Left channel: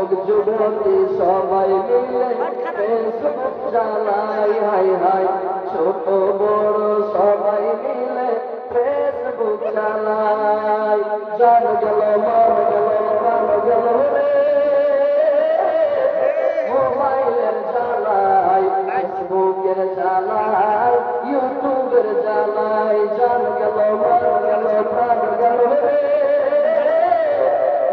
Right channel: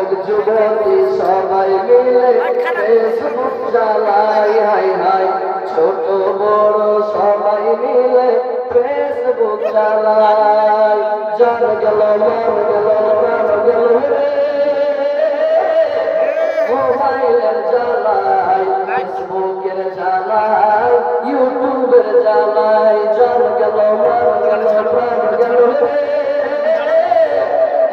যুবক যুবতী সবাই মিলে ফেসবুক চালাই, হাই হাই ছোট বড় সবাই মিলে ফেসবুক চালাই। জান গেল মন গেল প্রাণ গেল রে মোবাইলের জ্বালাই, ফেসবুকের জ্বালাই, ইউটিউবের জ্বালাই। জান গেল মন গেল প্রাণ গেল রে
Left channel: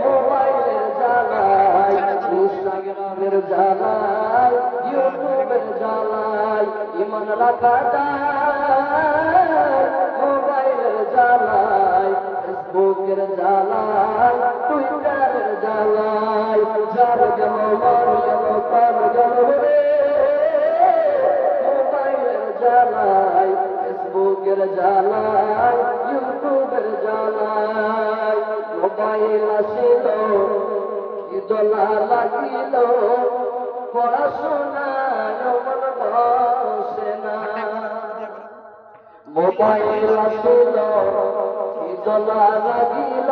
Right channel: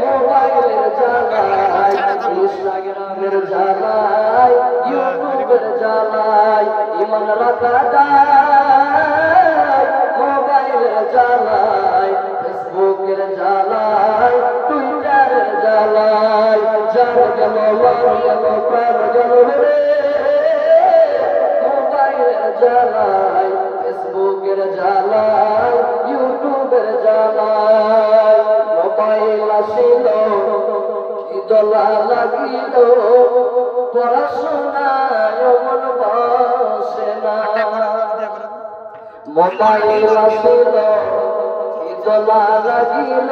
মোবাইলের জ্বালাই, ইনস্টাগ্রামের জ্বালাই, ইউটিউবের জ্বালাই। ইমান রাখা যায় মোবাইলের জ্বালাই, ফেসবুকের জ্বালাই, টুইটারের জ্বালাই। জান গেল মন গেল প্রাণ গেল রে মোবাইলের জ্বালাই, ফেসবুকের জ্বালাই, ইউটিউবের জ্বালাই। মোবাইল আসিল কি দোলা লাগিল, পড়াশোনায় মন বসে না। মোবাইল আসিল কি দোলা লাগিল,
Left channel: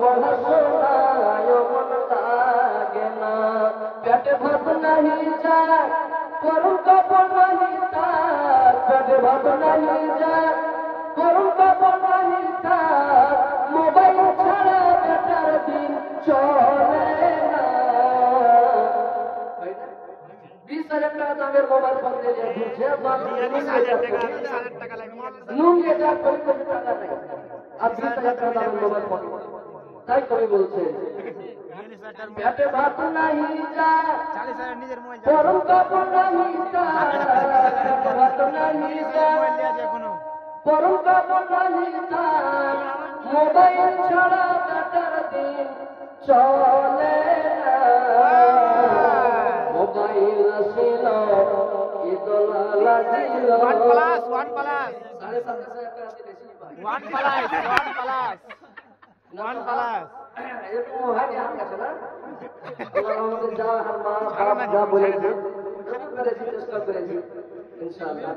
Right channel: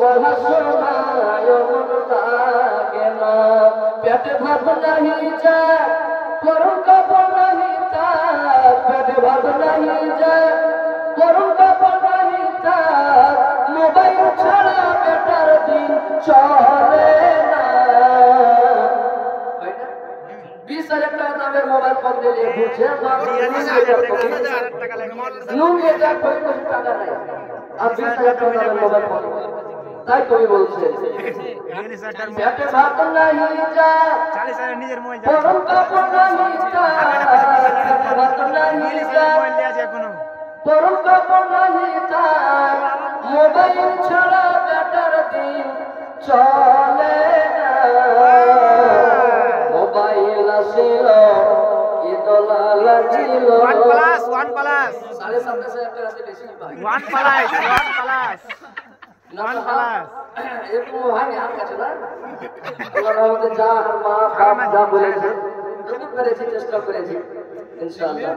পড়াশোনায় মন লাগে না। পেটে ভাত নাহি যায় করুন কাপড় নাহি থাক, পেটে ভাত নাহি যায় করুন কাপড় নাহি থাক। মোবাইল ছাড়া বেটার দিন চলে না। 20,000 টাকা দামের মোবাইল ফোন দিলে বুঝছে নুন এটা কোটি কোটি টাকা নাই, আর 20,000 টাকা দামের মোবাইল ফোন। তাই কবি বলছে পেটে ভাত নাহি যায় করুন কাপড় নাহি থাক, পেটে ভাত নাহি যায় করুন কাপড় নাহি থাক। মোবাইল ছাড়া বেটার দিন চলে না। মোবাইল আসিল কি দোলা লাগিল, 7,500 টাকা আছে বেশি ভাই, 1 প্লাস এরকম হয় না কাছে না। আল্লাহর রহমতে যা মা বাপ যা বলেছে যতটুকু পেরেছি চেষ্টা করেছি ইনশাআল্লাহ।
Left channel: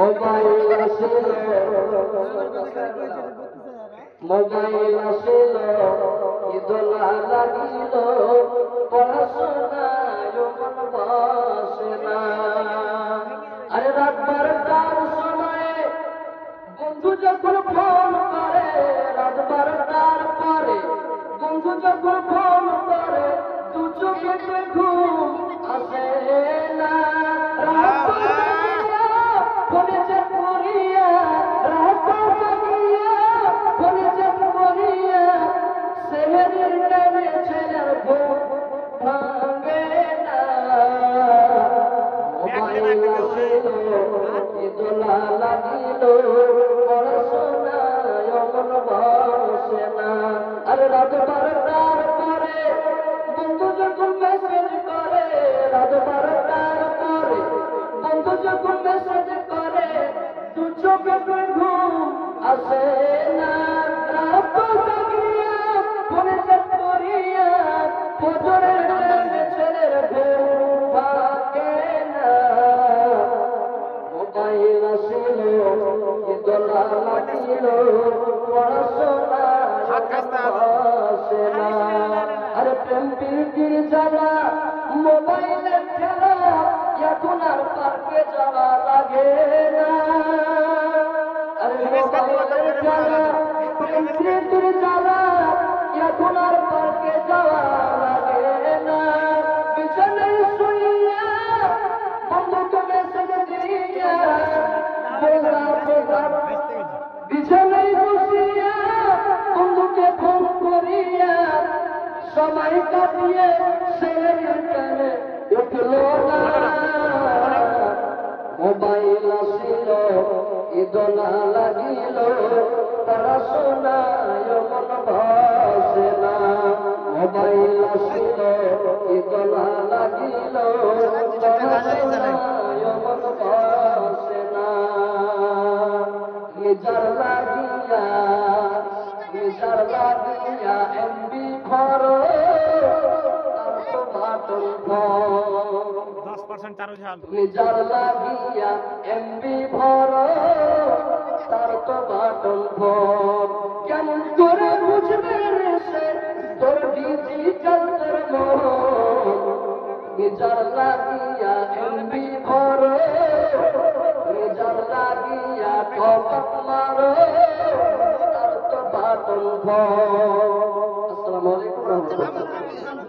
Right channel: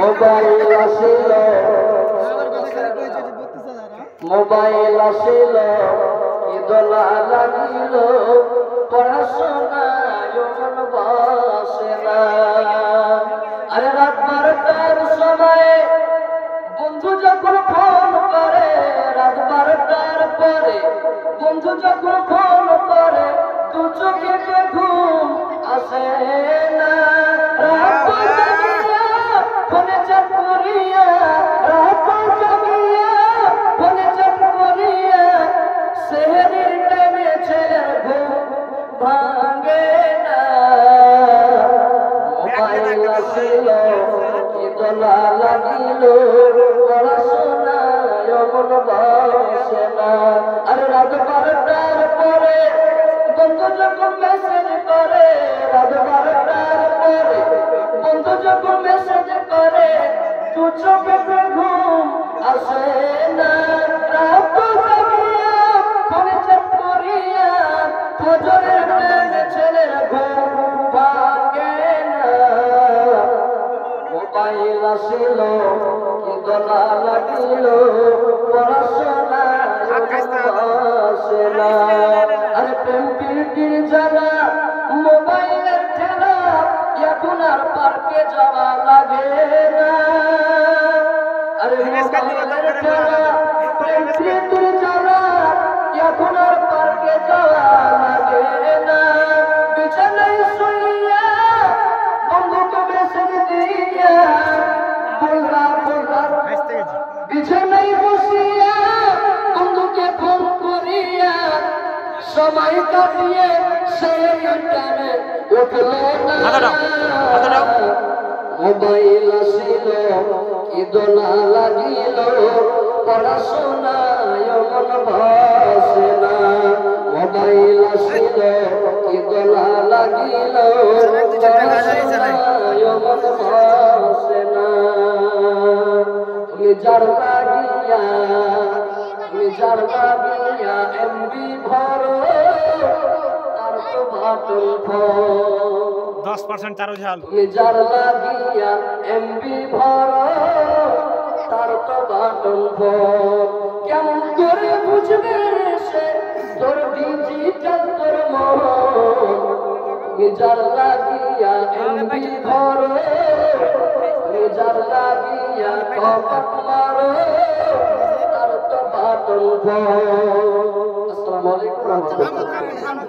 মোবাইল আসিল মোবাইল আসিল কি দোলা লাগিল, পড়াশোনায় মন বসে না। আরে রাত 12টার সময় বন্ধু যখন ফোন করে, রাত 12টার পরে বন্ধু যখন ফোন করে, দু চোখে ঘুম আসে না। রাত জাগিয়া ফোনে চ্যাট করিয়া, রাত জাগিয়া ফোনে চ্যাট করিয়া, সেহরির টাইমে ছেলের ঘুম ভাঙে না। মোবাইল আসিল কি দোলা লাগিল, পড়াশোনায় মন বসে না। আরে রাত 12টার পরে বন্ধু যখন মেসেজ করে, রাত 12টার পরে বন্ধু যখন মেসেজ করে, দু চোখে ঘুম আসে না। রাত জাগিয়া ফোনে চ্যাট করিয়া, ফজরের টাইমে ছেলের ঘুম ভাঙে না। মোবাইল আসিল কি দোলা লাগিল, পড়াশোনায় বসে না। আরে প্রেম প্রীতির জ্বালা মোবাইলের ঠেলা, এখন আর পার্কে যাওয়া লাগে না। আরে মোবাইলের ঠেলা প্রেম প্রীতির জ্বালা, এখন আর পার্কে যাওয়া লাগে না। বিছানায় শুইয়া বন্ধুকে মেসেজ দিয়া, বিছানায় বসিয়া বন্ধুকে ফোন করিয়া, সময় কাটিয়ে সেই টাইমে উঠল না। মোবাইল আসিল কি দোলা লাগিল, পড়াশোনায় মন বসে না। মোবাইল আসিল কি দোলা লাগিল, পড়াশোনায় মন বসে না। তুমি যার লাগিয়া এমবি ভরো, তার তো ভাটল ফোন। 10% চারো ঝাল। তুমি যার লাগিয়া এমবি ভরো, তার তো ভাটল ফোন। কেমন করে বুঝবে সে তোর ডিজিটাল তোর মন নিজার লাগিয়া এমবি ভরে নিজার লাগিয়া কপাট মারে তার তো বাতন ভর। আসসালামু আলাইকুম ওয়া রাহমাতুল্লাহ।